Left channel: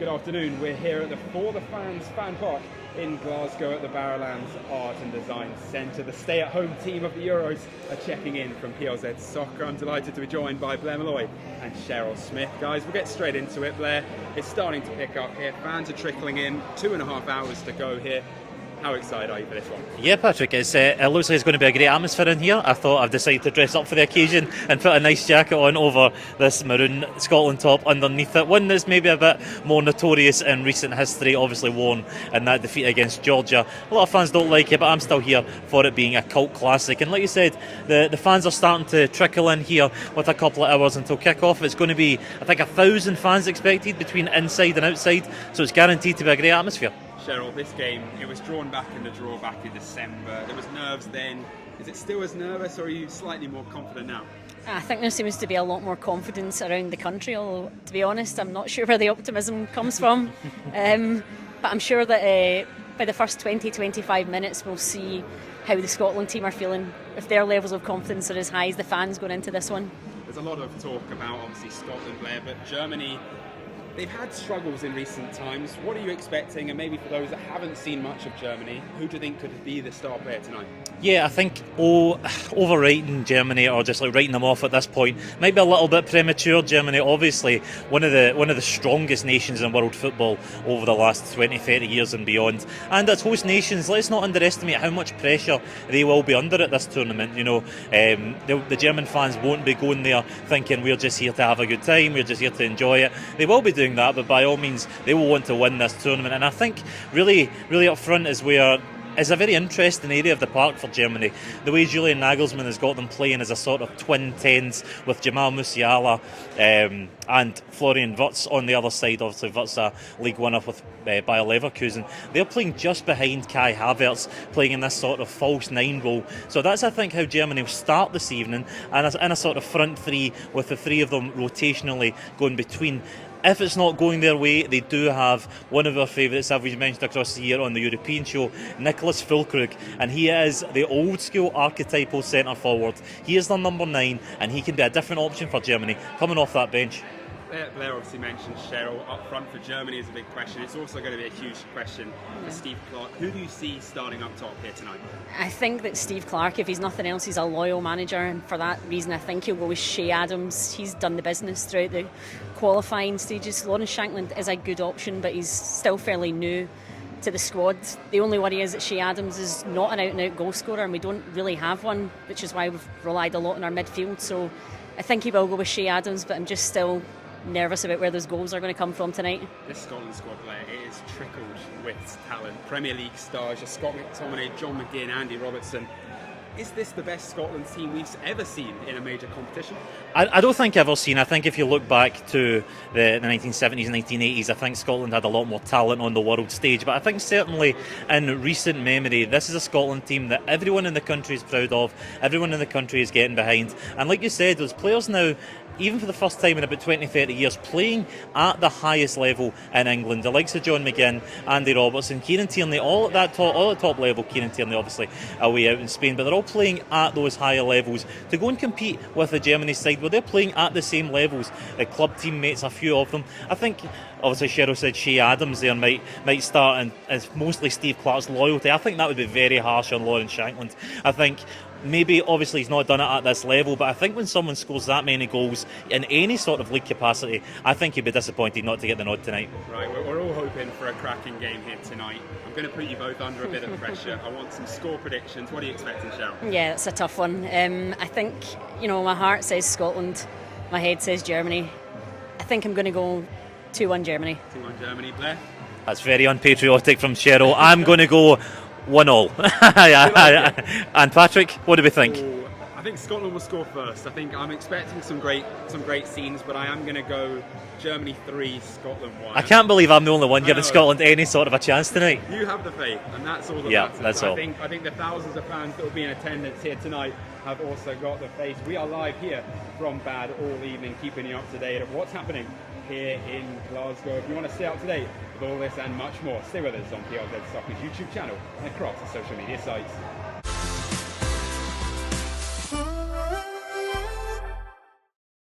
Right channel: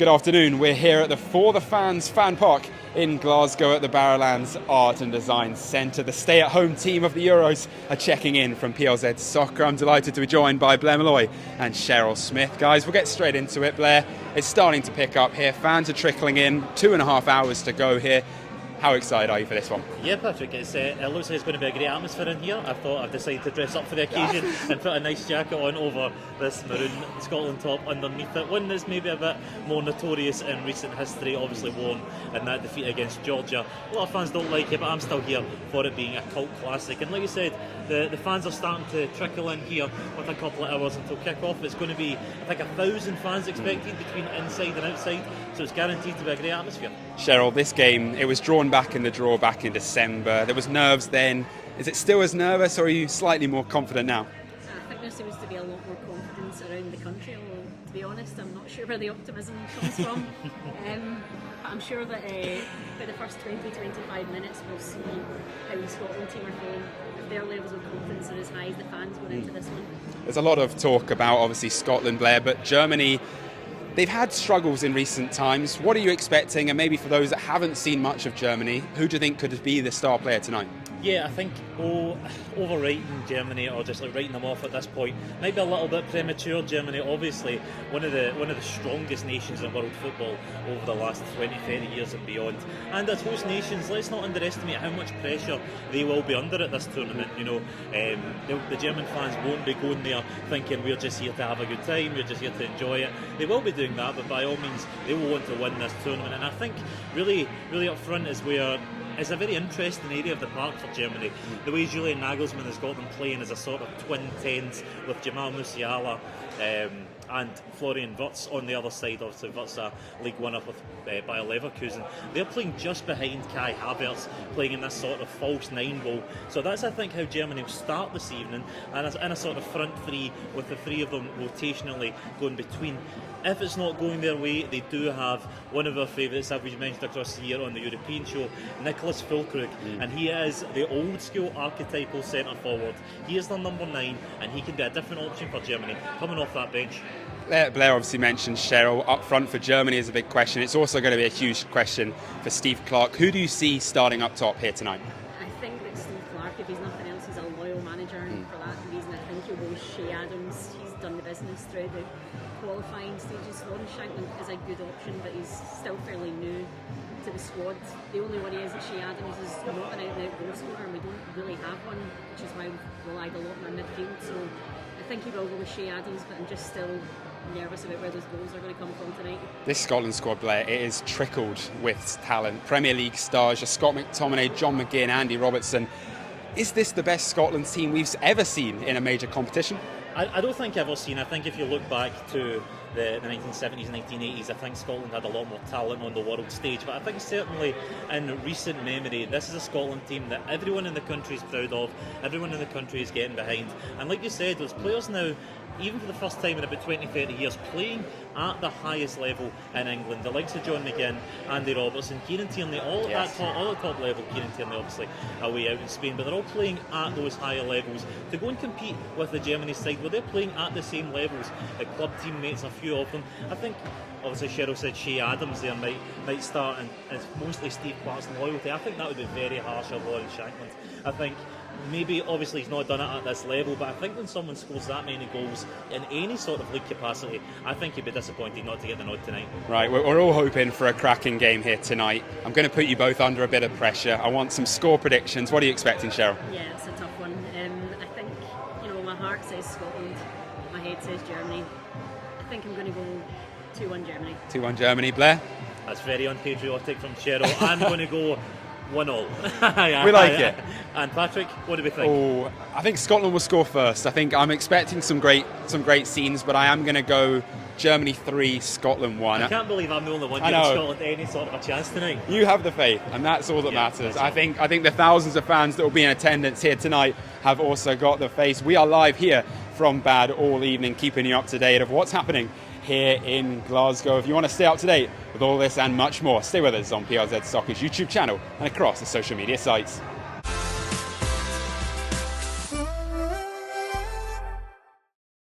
Good afternoon. We're here at the For the Fans fan park in Glasgow at the Barrowlands Art and Design Centre. The stay-at-home team of the Euros are checking in from PLZ Soccer. I'm delighted to be joined by Blair Malloy and Cheryl Smith. Guys, we'll get straight into it. Blair, it's starting to pick up here. Fans are trickling in. 2.5 hours to go here. How excited are you for this one? Yeah, Patrick, it looks like it's going to be a great atmosphere in here. I thought I've decided to dress up for the occasion and put a nice jacket on over this maroon Scotland top underneath it. One that's maybe a bit more notorious in recent history, obviously worn in that defeat against Georgia. A lot of fans don't like it, but I'm still here for it being a cult classic. And like you said, the fans are starting to trickle in here with a couple of hours until kick-off. It's going to be, I think, 1,000 fans expected between inside and outside, so it's guaranteed to be a great atmosphere. Cheryl, this game, it was drawn back in the draw back in December. There was nerves then. Is it still as nervous, or are you slightly more confident now? I think there seems to be a lot more confidence around the country, although, to be honest, I'm not sure where the optimism comes from. But I'm sure that by the first 20-25 minutes, we'll see how the Scotland team are feeling, if their levels of confidence are as high as the fans going into this one. There's a lot of talk about, obviously, Scotland, Blair, but Germany, they've had struggles in recent times. What are you expecting? And maybe for those that haven't seen much of Germany, who do you think could be the star player tonight? Yeah, I think overrating Germany or just like writing them off at this point might be a little bit premature. Germany, obviously, one of the strongest nations in world football over the last 20-30 years and beyond. And as host nations, let's not underestimate how much pressure they will be under at this tournament. You know, the German fans won't be going there thinking we're just here to have a good time, we're just here to enjoy it. They will be doing that, but by all means, they will want to win this tournament. And I think really up front is where it's a very interesting area of the park for Germany. The way Julian Nagelsmann has got them playing as a sort of twin tens with Jamal Musiala and Florian Wirtz on the other side. Obviously, Wirtz a league winner with Bayer Leverkusen. They're playing just behind Kai Havertz, playing in this sort of false nine role. So that's, I think, how Germany will start this evening, and in a sort of front three with the three of them rotationally going between. If it's not going their way, they do have one of our favourites, as we've mentioned across the year on the European show, Nicholas Füllkrug, and he is the old school archetypal centre forward. He is their number 9, and he can be a different option for Germany coming off that bench. Blair obviously mentioned Cheryl up front for Germany is a big question. It's also going to be a huge question for Steve Clarke. Who do you see starting up top here tonight? I think that Steve Clarke, if he's nothing else, he's a loyal manager, and for that reason I think he'll go with Shea Adams. He's done the business throughout the qualifying stages. Lawrence Shankland is a good option, but he's still fairly new to the squad. The only worry is that Shea Adams is not an out-and-out goal scorer, and we don't really have one, which is why we've relied a lot on our midfield. So I think he will go with Shea Adams, but I'm just still nervous about where those goals are going to come from tonight. This Scotland squad, Blair, it is trickled with talent. Premier League stars, Scott McTominay, John McGinn, Andy Robertson. Is this the best Scotland team we've ever seen in a major competition? I don't think ever seen. I think if you look back to the 1970s and 1980s, I think Scotland had a lot more talent on the world stage. But I think certainly in recent memory, this is a Scotland team that everyone in the country is proud of, everyone in the country is getting behind. And like you said, those players now, even for the first time in about 20-30 years, playing at the highest level in England. The likes of John McGinn, Andy Robertson, Kieran Tierney, all at top level. Kieran Tierney obviously away out in Spain, but they're all playing at those higher levels to go and compete with the Germany side where they're playing at the same levels. The club teammates, a few of them. I think obviously Cheryl said Shea Adams there might start, and it's mostly Steve Clarke's loyalty. I think that would be very harsh on Lawrence Shankland. I think maybe obviously he's not done it at this level, but I think when someone scores that many goals in any sort of league capacity, I think he'd be disappointed not to get the nod tonight. Right, we're all hoping for a cracking game here tonight. I'm going to put you both under a bit of pressure. I want some score predictions. What are you expecting, Cheryl? Yeah, it's a tough one. I think, my heart says Scotland, my head says Germany. I think I'm going to go 2-1 Germany. 2-1 Germany. Blair? That's very unpatriotic from Cheryl. I'm going to go 1-1. And Patrick, what do we think? I think Scotland will score first. I think I'm expecting some great scenes, but I am going to go Germany 3, Scotland 1. I can't believe I'm the only one giving Scotland any sort of a chance tonight. You have the faith, and that's all that matters. That's all. I think the thousands of fans that will be in attendance here tonight have also got the faith. We are live here from Baad all evening, keeping you up to date of what's happening here in Glasgow. If you want to stay up to date with all this and much more, stay with us on PLZ Soccer's YouTube channel and across the social media sites.